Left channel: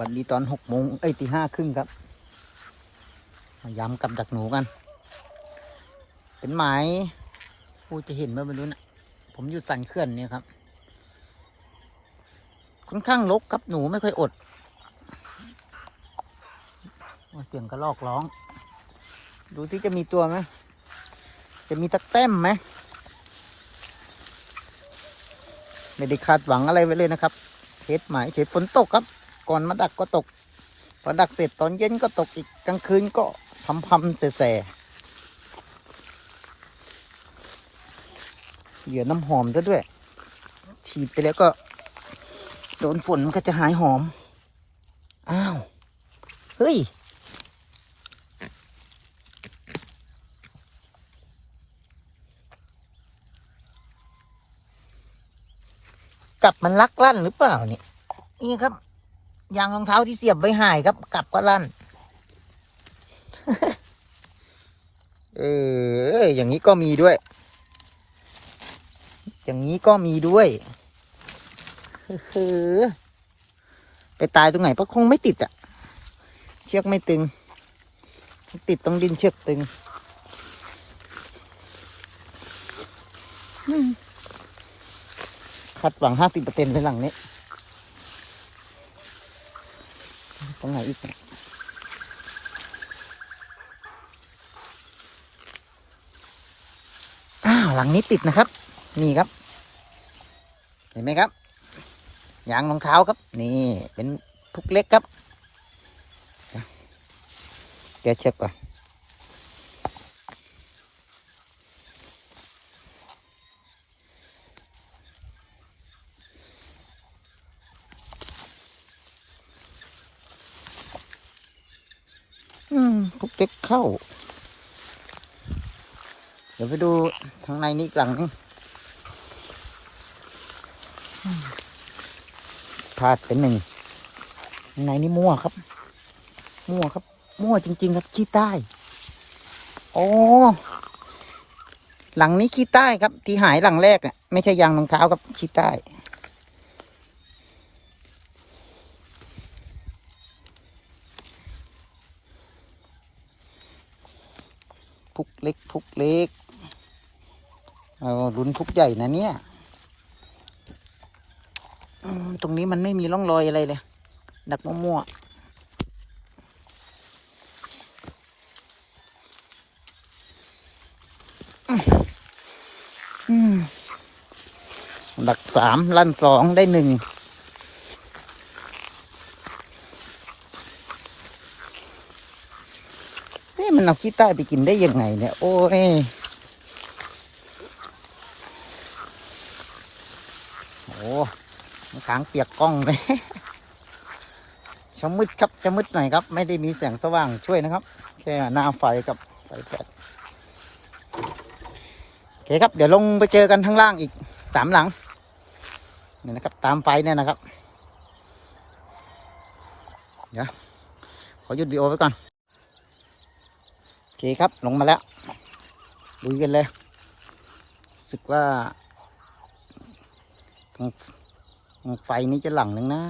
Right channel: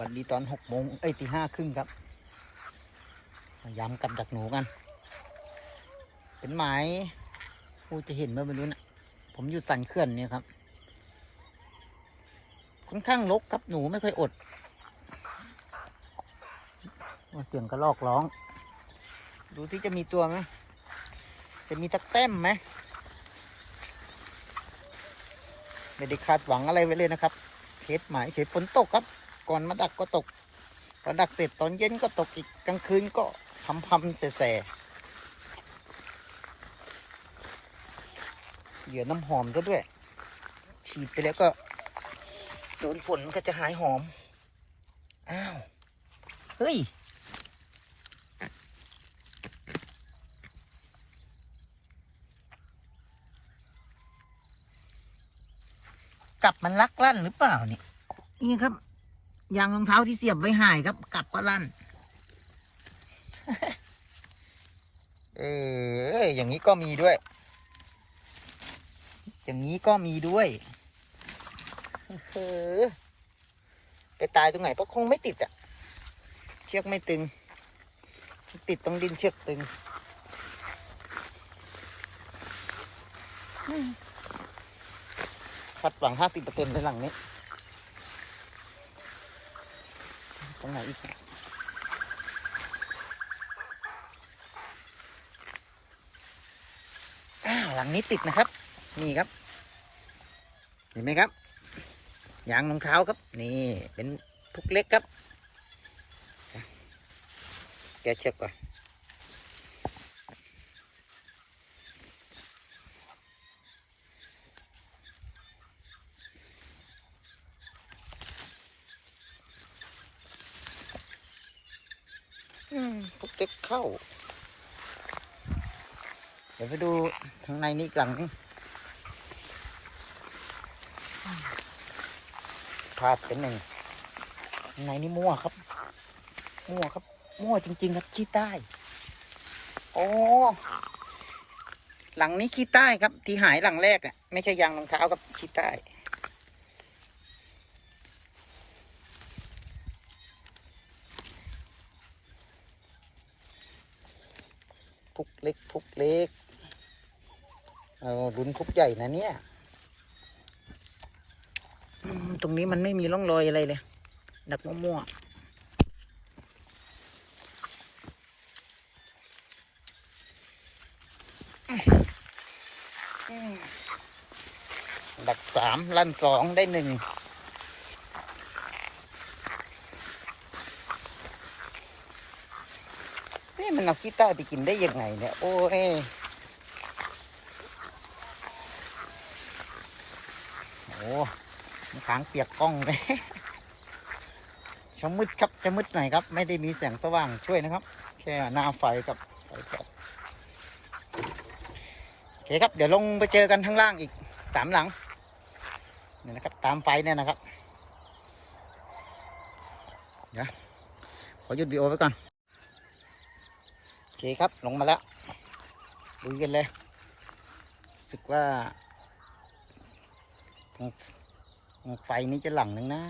วัสดีตอนหกโมงเอ้ยตีห้าครึ่งครับมาย้ำกับดักหนูกัน เป็นหมายผู้จะเห็นไหมไม่รู้นะผมอยู่สันเขื่อนเนี่ยครับ ค่อนข้างรกครับหนูไม่ค่อยอดว่าเสียงกระลอกร้อง ดูที่จะมีตัวไหมจะมีตะแต้มไหมไม่ได้คาดหวังอะไรไว้เลยนะครับเทสหมายเฉยฝนตกครับ ก่อนมาดักก็ตก พอดักเสร็จตอนเย็นก็ตกอีกกลางคืนก็พำพำๆแส่ๆเหยื่อน้ำหอมซะด้วย ฉีดไปแล้วก็ โดนฝนมันก็จะหายหอม อ้าว เฮ้ย จับมันลักลั่นหรือเปล่าเนี่ย นี่ครับ ยางรองเท้าที่เสียบไว้หายครับ กลับก็ลั่น เออ อย่างนี้ก็มีด้วย อย่างนี้ก็มีด้วยเออไปตายตรงไหนเพราะคงไม่ติดอะเชือกไม่ตึง ติดตรงดินเชือกตึงคาดหวังห้าสิบเปอร์เซ็นต์เป็นหลังนี้ ตรงไหนอีกอ้าวหลังนี้ติดนะครับ นี่ครับ เห็นไหมครับยางรองเท้าครับ นี่เป็นพุกเล็กครับแกะเชือกก่อน อืมพุกเล็กเข้า เดี๋ยวไปดูทางในนี้กหลังพลาดเป็นหนึ่งในนี่มั่วครับ มั่วครับ มั่วจริง ๆ ครับขี้ใต้ โอ้หลังนี้ขี้ใต้ครับ ที่หายหลังแรกอะไม่ใช่ยางรองเท้าครับขี้ใต้ พุกเล็กพุกเล็กเอาลุ้นพุกใหญ่นะเนี่ยตรงนี้มันไม่มีร่องรอยอะไรเลย ดักมั่วๆดักสามลั่นสองได้หนึ่ง มันเอาขี้ใต้ไปกินได้ยังไงเนี่ย โอ้ยโอ้มันขางเปียกกล้องเลยชะมืดครับจะมืดหน่อยครับ ไม่ได้มีแสงสว่างช่วยนะครับ แค่หน้าไฟกับไฟแฟลชโอเคครับ เดี๋ยวลงไปเจอกันข้างล่างอีกสามหลังเนี่ยนะครับ ตามไฟเนี่ยนะครับ เดี๋ยวขอหยุดวีดีโอไว้ก่อน เคครับลงมาแล้วลุยกันเลยสึกว่าตรงตรงไฟนี้จะหลังหนึ่งนะ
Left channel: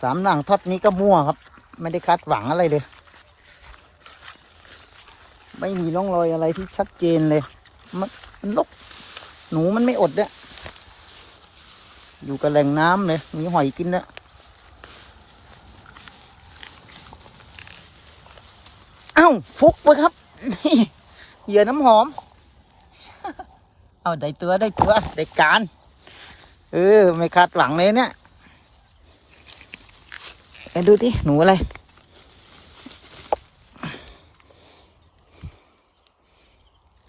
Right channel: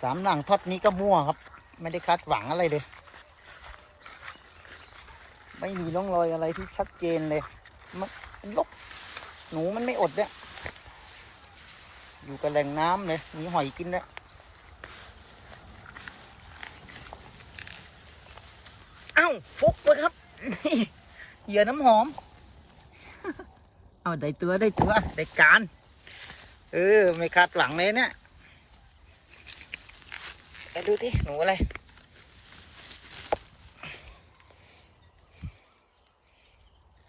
สามหลังทอดนี้ก็มั่วครับ ไม่ได้คาดหวังอะไรเลย ไม่มีร่องรอยอะไรที่ชัดเจนเลย มันมันลกหนูมันไม่อดเนี่ย อยู่กับแหล่งน้ำเลยมีหอยกินแล้วเอ้าฟุกไปครับเหยื่อน้ำหอม เอาได้ตัวได้ตัวได้การ เออ ไม่คาดหวังเลยเนี่ยไปดูที่หนูอะไร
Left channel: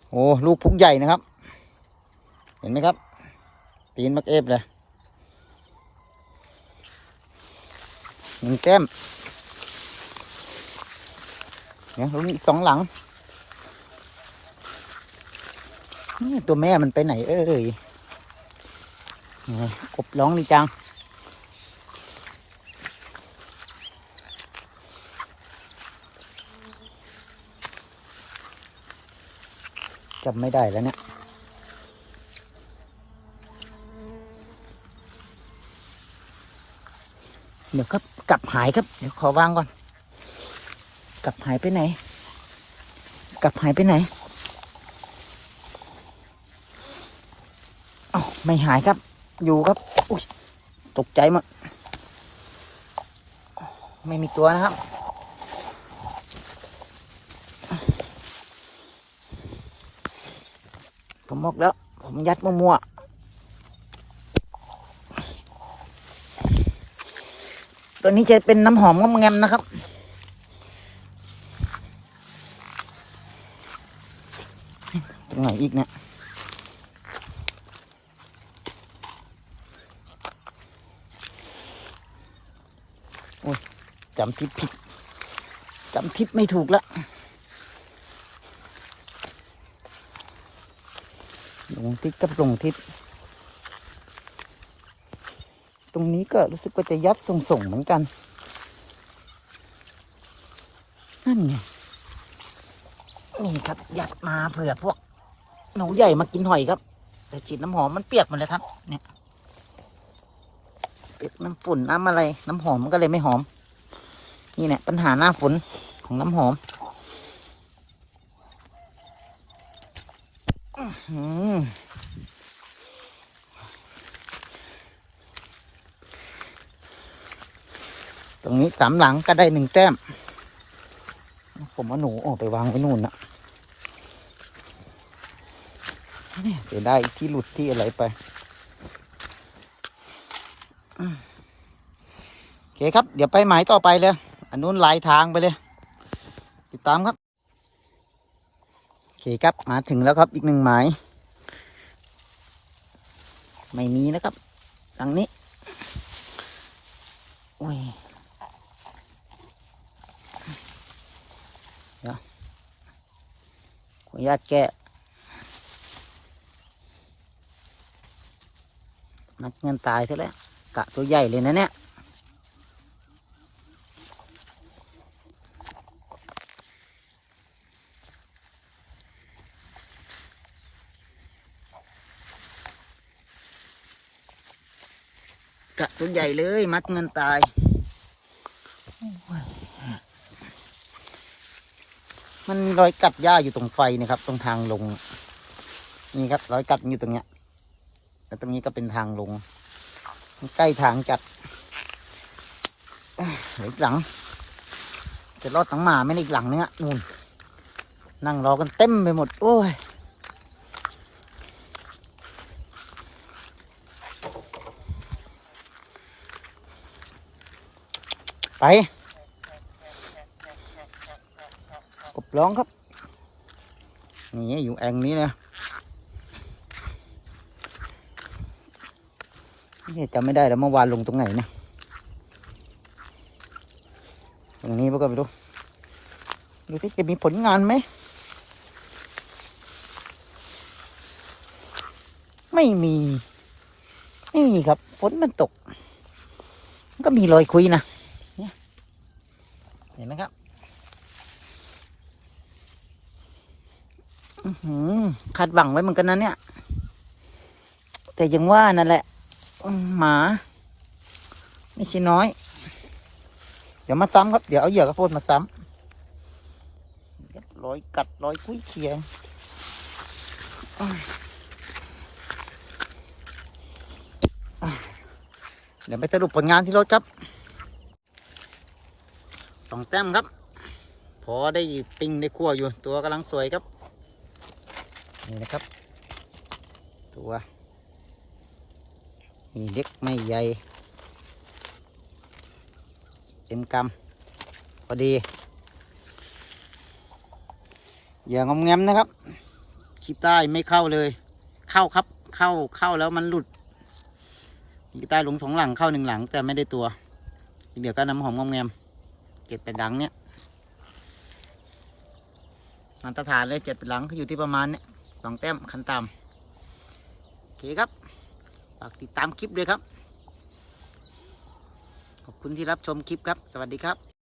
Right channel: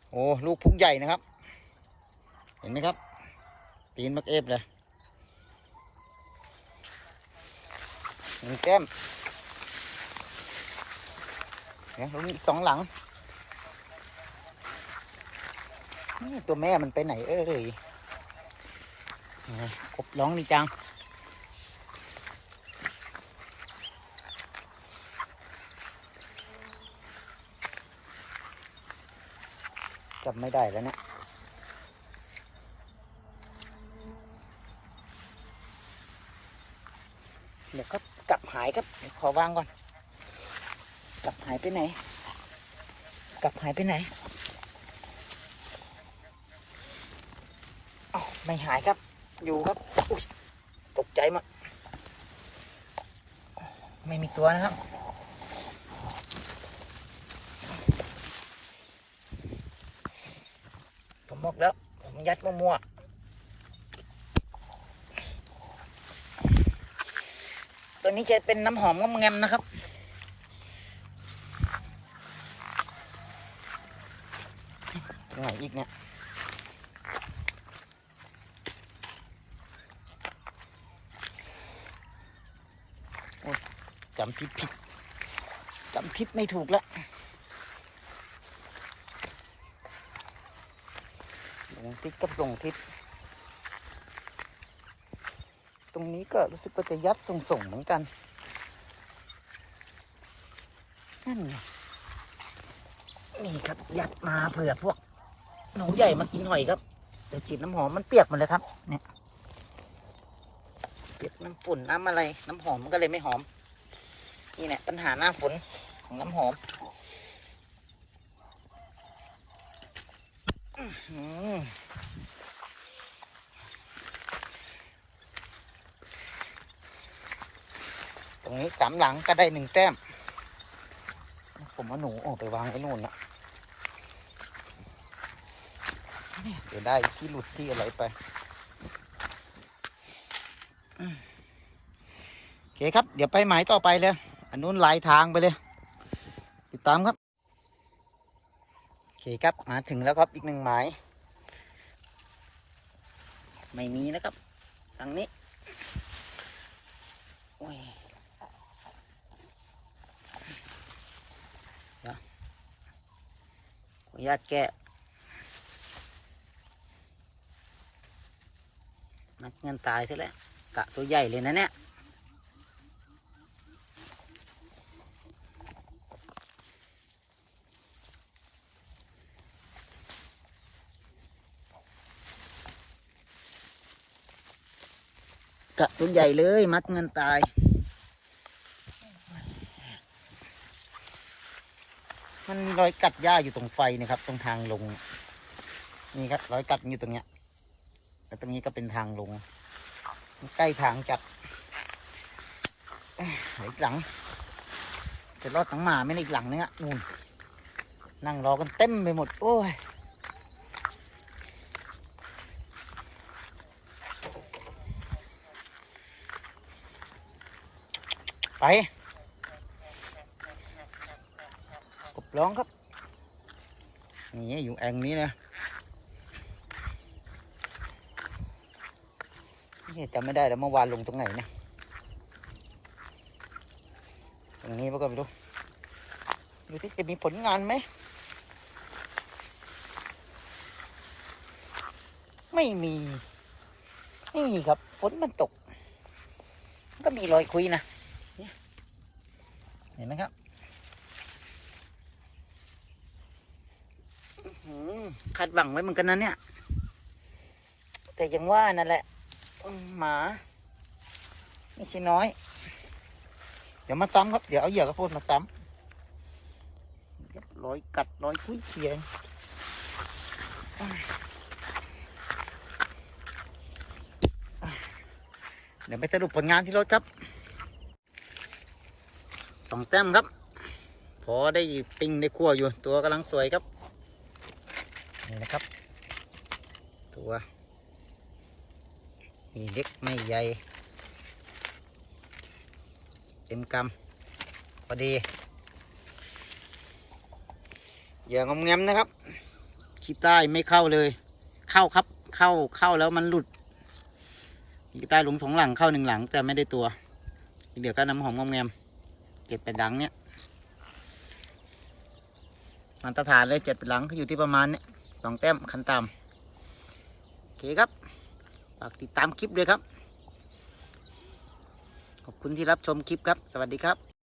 โอ้ ลูกพุกใหญ่นะครับ เห็นไหมครับ ตีนมักเอฟเลย หนึ่งแก้มเดี๋ยวมีอีกสองหลัง นี่ตัวแม่มันไปไหนเอ้ยกบร้องนี่จัง จำไม่ได้แล้วเนี่ยเดี๋ยวครับ กลับหายครับเดี๋ยวขอวางก่อน กลับหายไปไหน กลับหายไปไหนเอาไม่หายครับ อยู่ครับ อุ้ยตกใจหมดไม่มีตัวนะครับ ผมบอกแล้ว ผมยัดมั่วๆ ตัวนี้จะเป็นน้ำหอมงอมแงมนะครับ ตรงไหนอีกเนี่ยจำทิศผิดจำทิศไม่ถูกละลงทิศกับลงทิศ ตรงนี้ก็รู้สึกว่าจะยัดส่งๆเหมือนกัน นั่นไงนี่ครับยัดมาเผื่อพวกหนูใหญ่มากินหอยครับแต่ฉีดน้ำหอมมันเปียกหมดเลยครับ เนี่ยเกิดน้ำฝุ่นน้ำอะไร น้ำหอมมันก็เลยไม่หอม นี่เนี่ยปัญหาหน้าฝนของน้ำหอมอือหือ ตรงนี้สามหลังก็ได้หนึ่งแต้ม ผมเอาหนูออกไปวางไว้นู่นนะเดี๋ยวได้ที่หลุดที่อะไรไปโอเคครับ เดี๋ยวไปหมายต่อไปเลย อันนู้นลายทางไปเลย ติดตามครับโอเคครับมาถึงแล้วครับอีกหนึ่งหมายไม่มีนะครับทางนี้โอ้ย ออนุญาตแกะนับเงินตายซะแล้วกะตัวใหญ่เลยนะเนี่ยกะตัวใหญ่เลย มัดเงินตาย มันมีรอยกัดหญ้าอยู่ตรงไฟนะครับ ตรงทางลง นี่ครับ รอยกัดอยู่ตรงเนี้ย แล้วตรงนี้ก็เป็นทางลง ใกล้ทางจัดเอ้ยเดี๋ยวอีกหลัง จะรอดทั้งหมาไม่ได้อีกหลังนึงอะนู่น นั่งรอกันเต็มไปหมด โอ้ยไปกบ ร้องครับนี่อยู่แองนี้นะนี่จำไม่ได้แล้วเมื่อวานลงตรงไหนเนี่ยตรงนี้พวกก็ไปดูดูที่จะมีผลงานไหม ไม่มี ไม่มีครับฝนมันตก ก็มีรอยคุยนะเนี่ยเห็นไหมครับ อื้อหือ คาดหวังไว้เหมือนกันนะเนี่ย แต่ยังว่านั่นแหละ หมา ไม่ใช่น้อย เดี๋ยวมาซ้ำครับ เดี๋ยวเอาเหยื่อกระโพดมาซ้ำรับรอยกัดร้อยคุยเคียงเดี๋ยวไปสรุปผลงานที่รถครับ สองแต้มครับ พอได้ปิ้งได้คั่วอยู่ ตัวกำลังสวยครับ นี่นะครับ ตัวนี่เล็กไม่ใหญ่ เต็มกำพอดีเหยื่องอมแงมนะครับขี้ใต้ไม่เข้าเลย เข้าครับ เข้าเข้าแล้วมันหลุดขี้ใต้หลงสองหลังเข้าหนึ่งหลัง แต่ไม่ได้ตัวเหลือก็น้ำหอมงอมแงมเก็บไปดังเนี้ยมาตรฐานเลยเจ็ดเป็นหลังก็อยู่ที่ประมาณเนี้ย สองแต้มคันตามโอเคครับฝากติดตามคลิปด้วยครับ ขอบคุณที่รับชมคลิปครับ สวัสดีครับ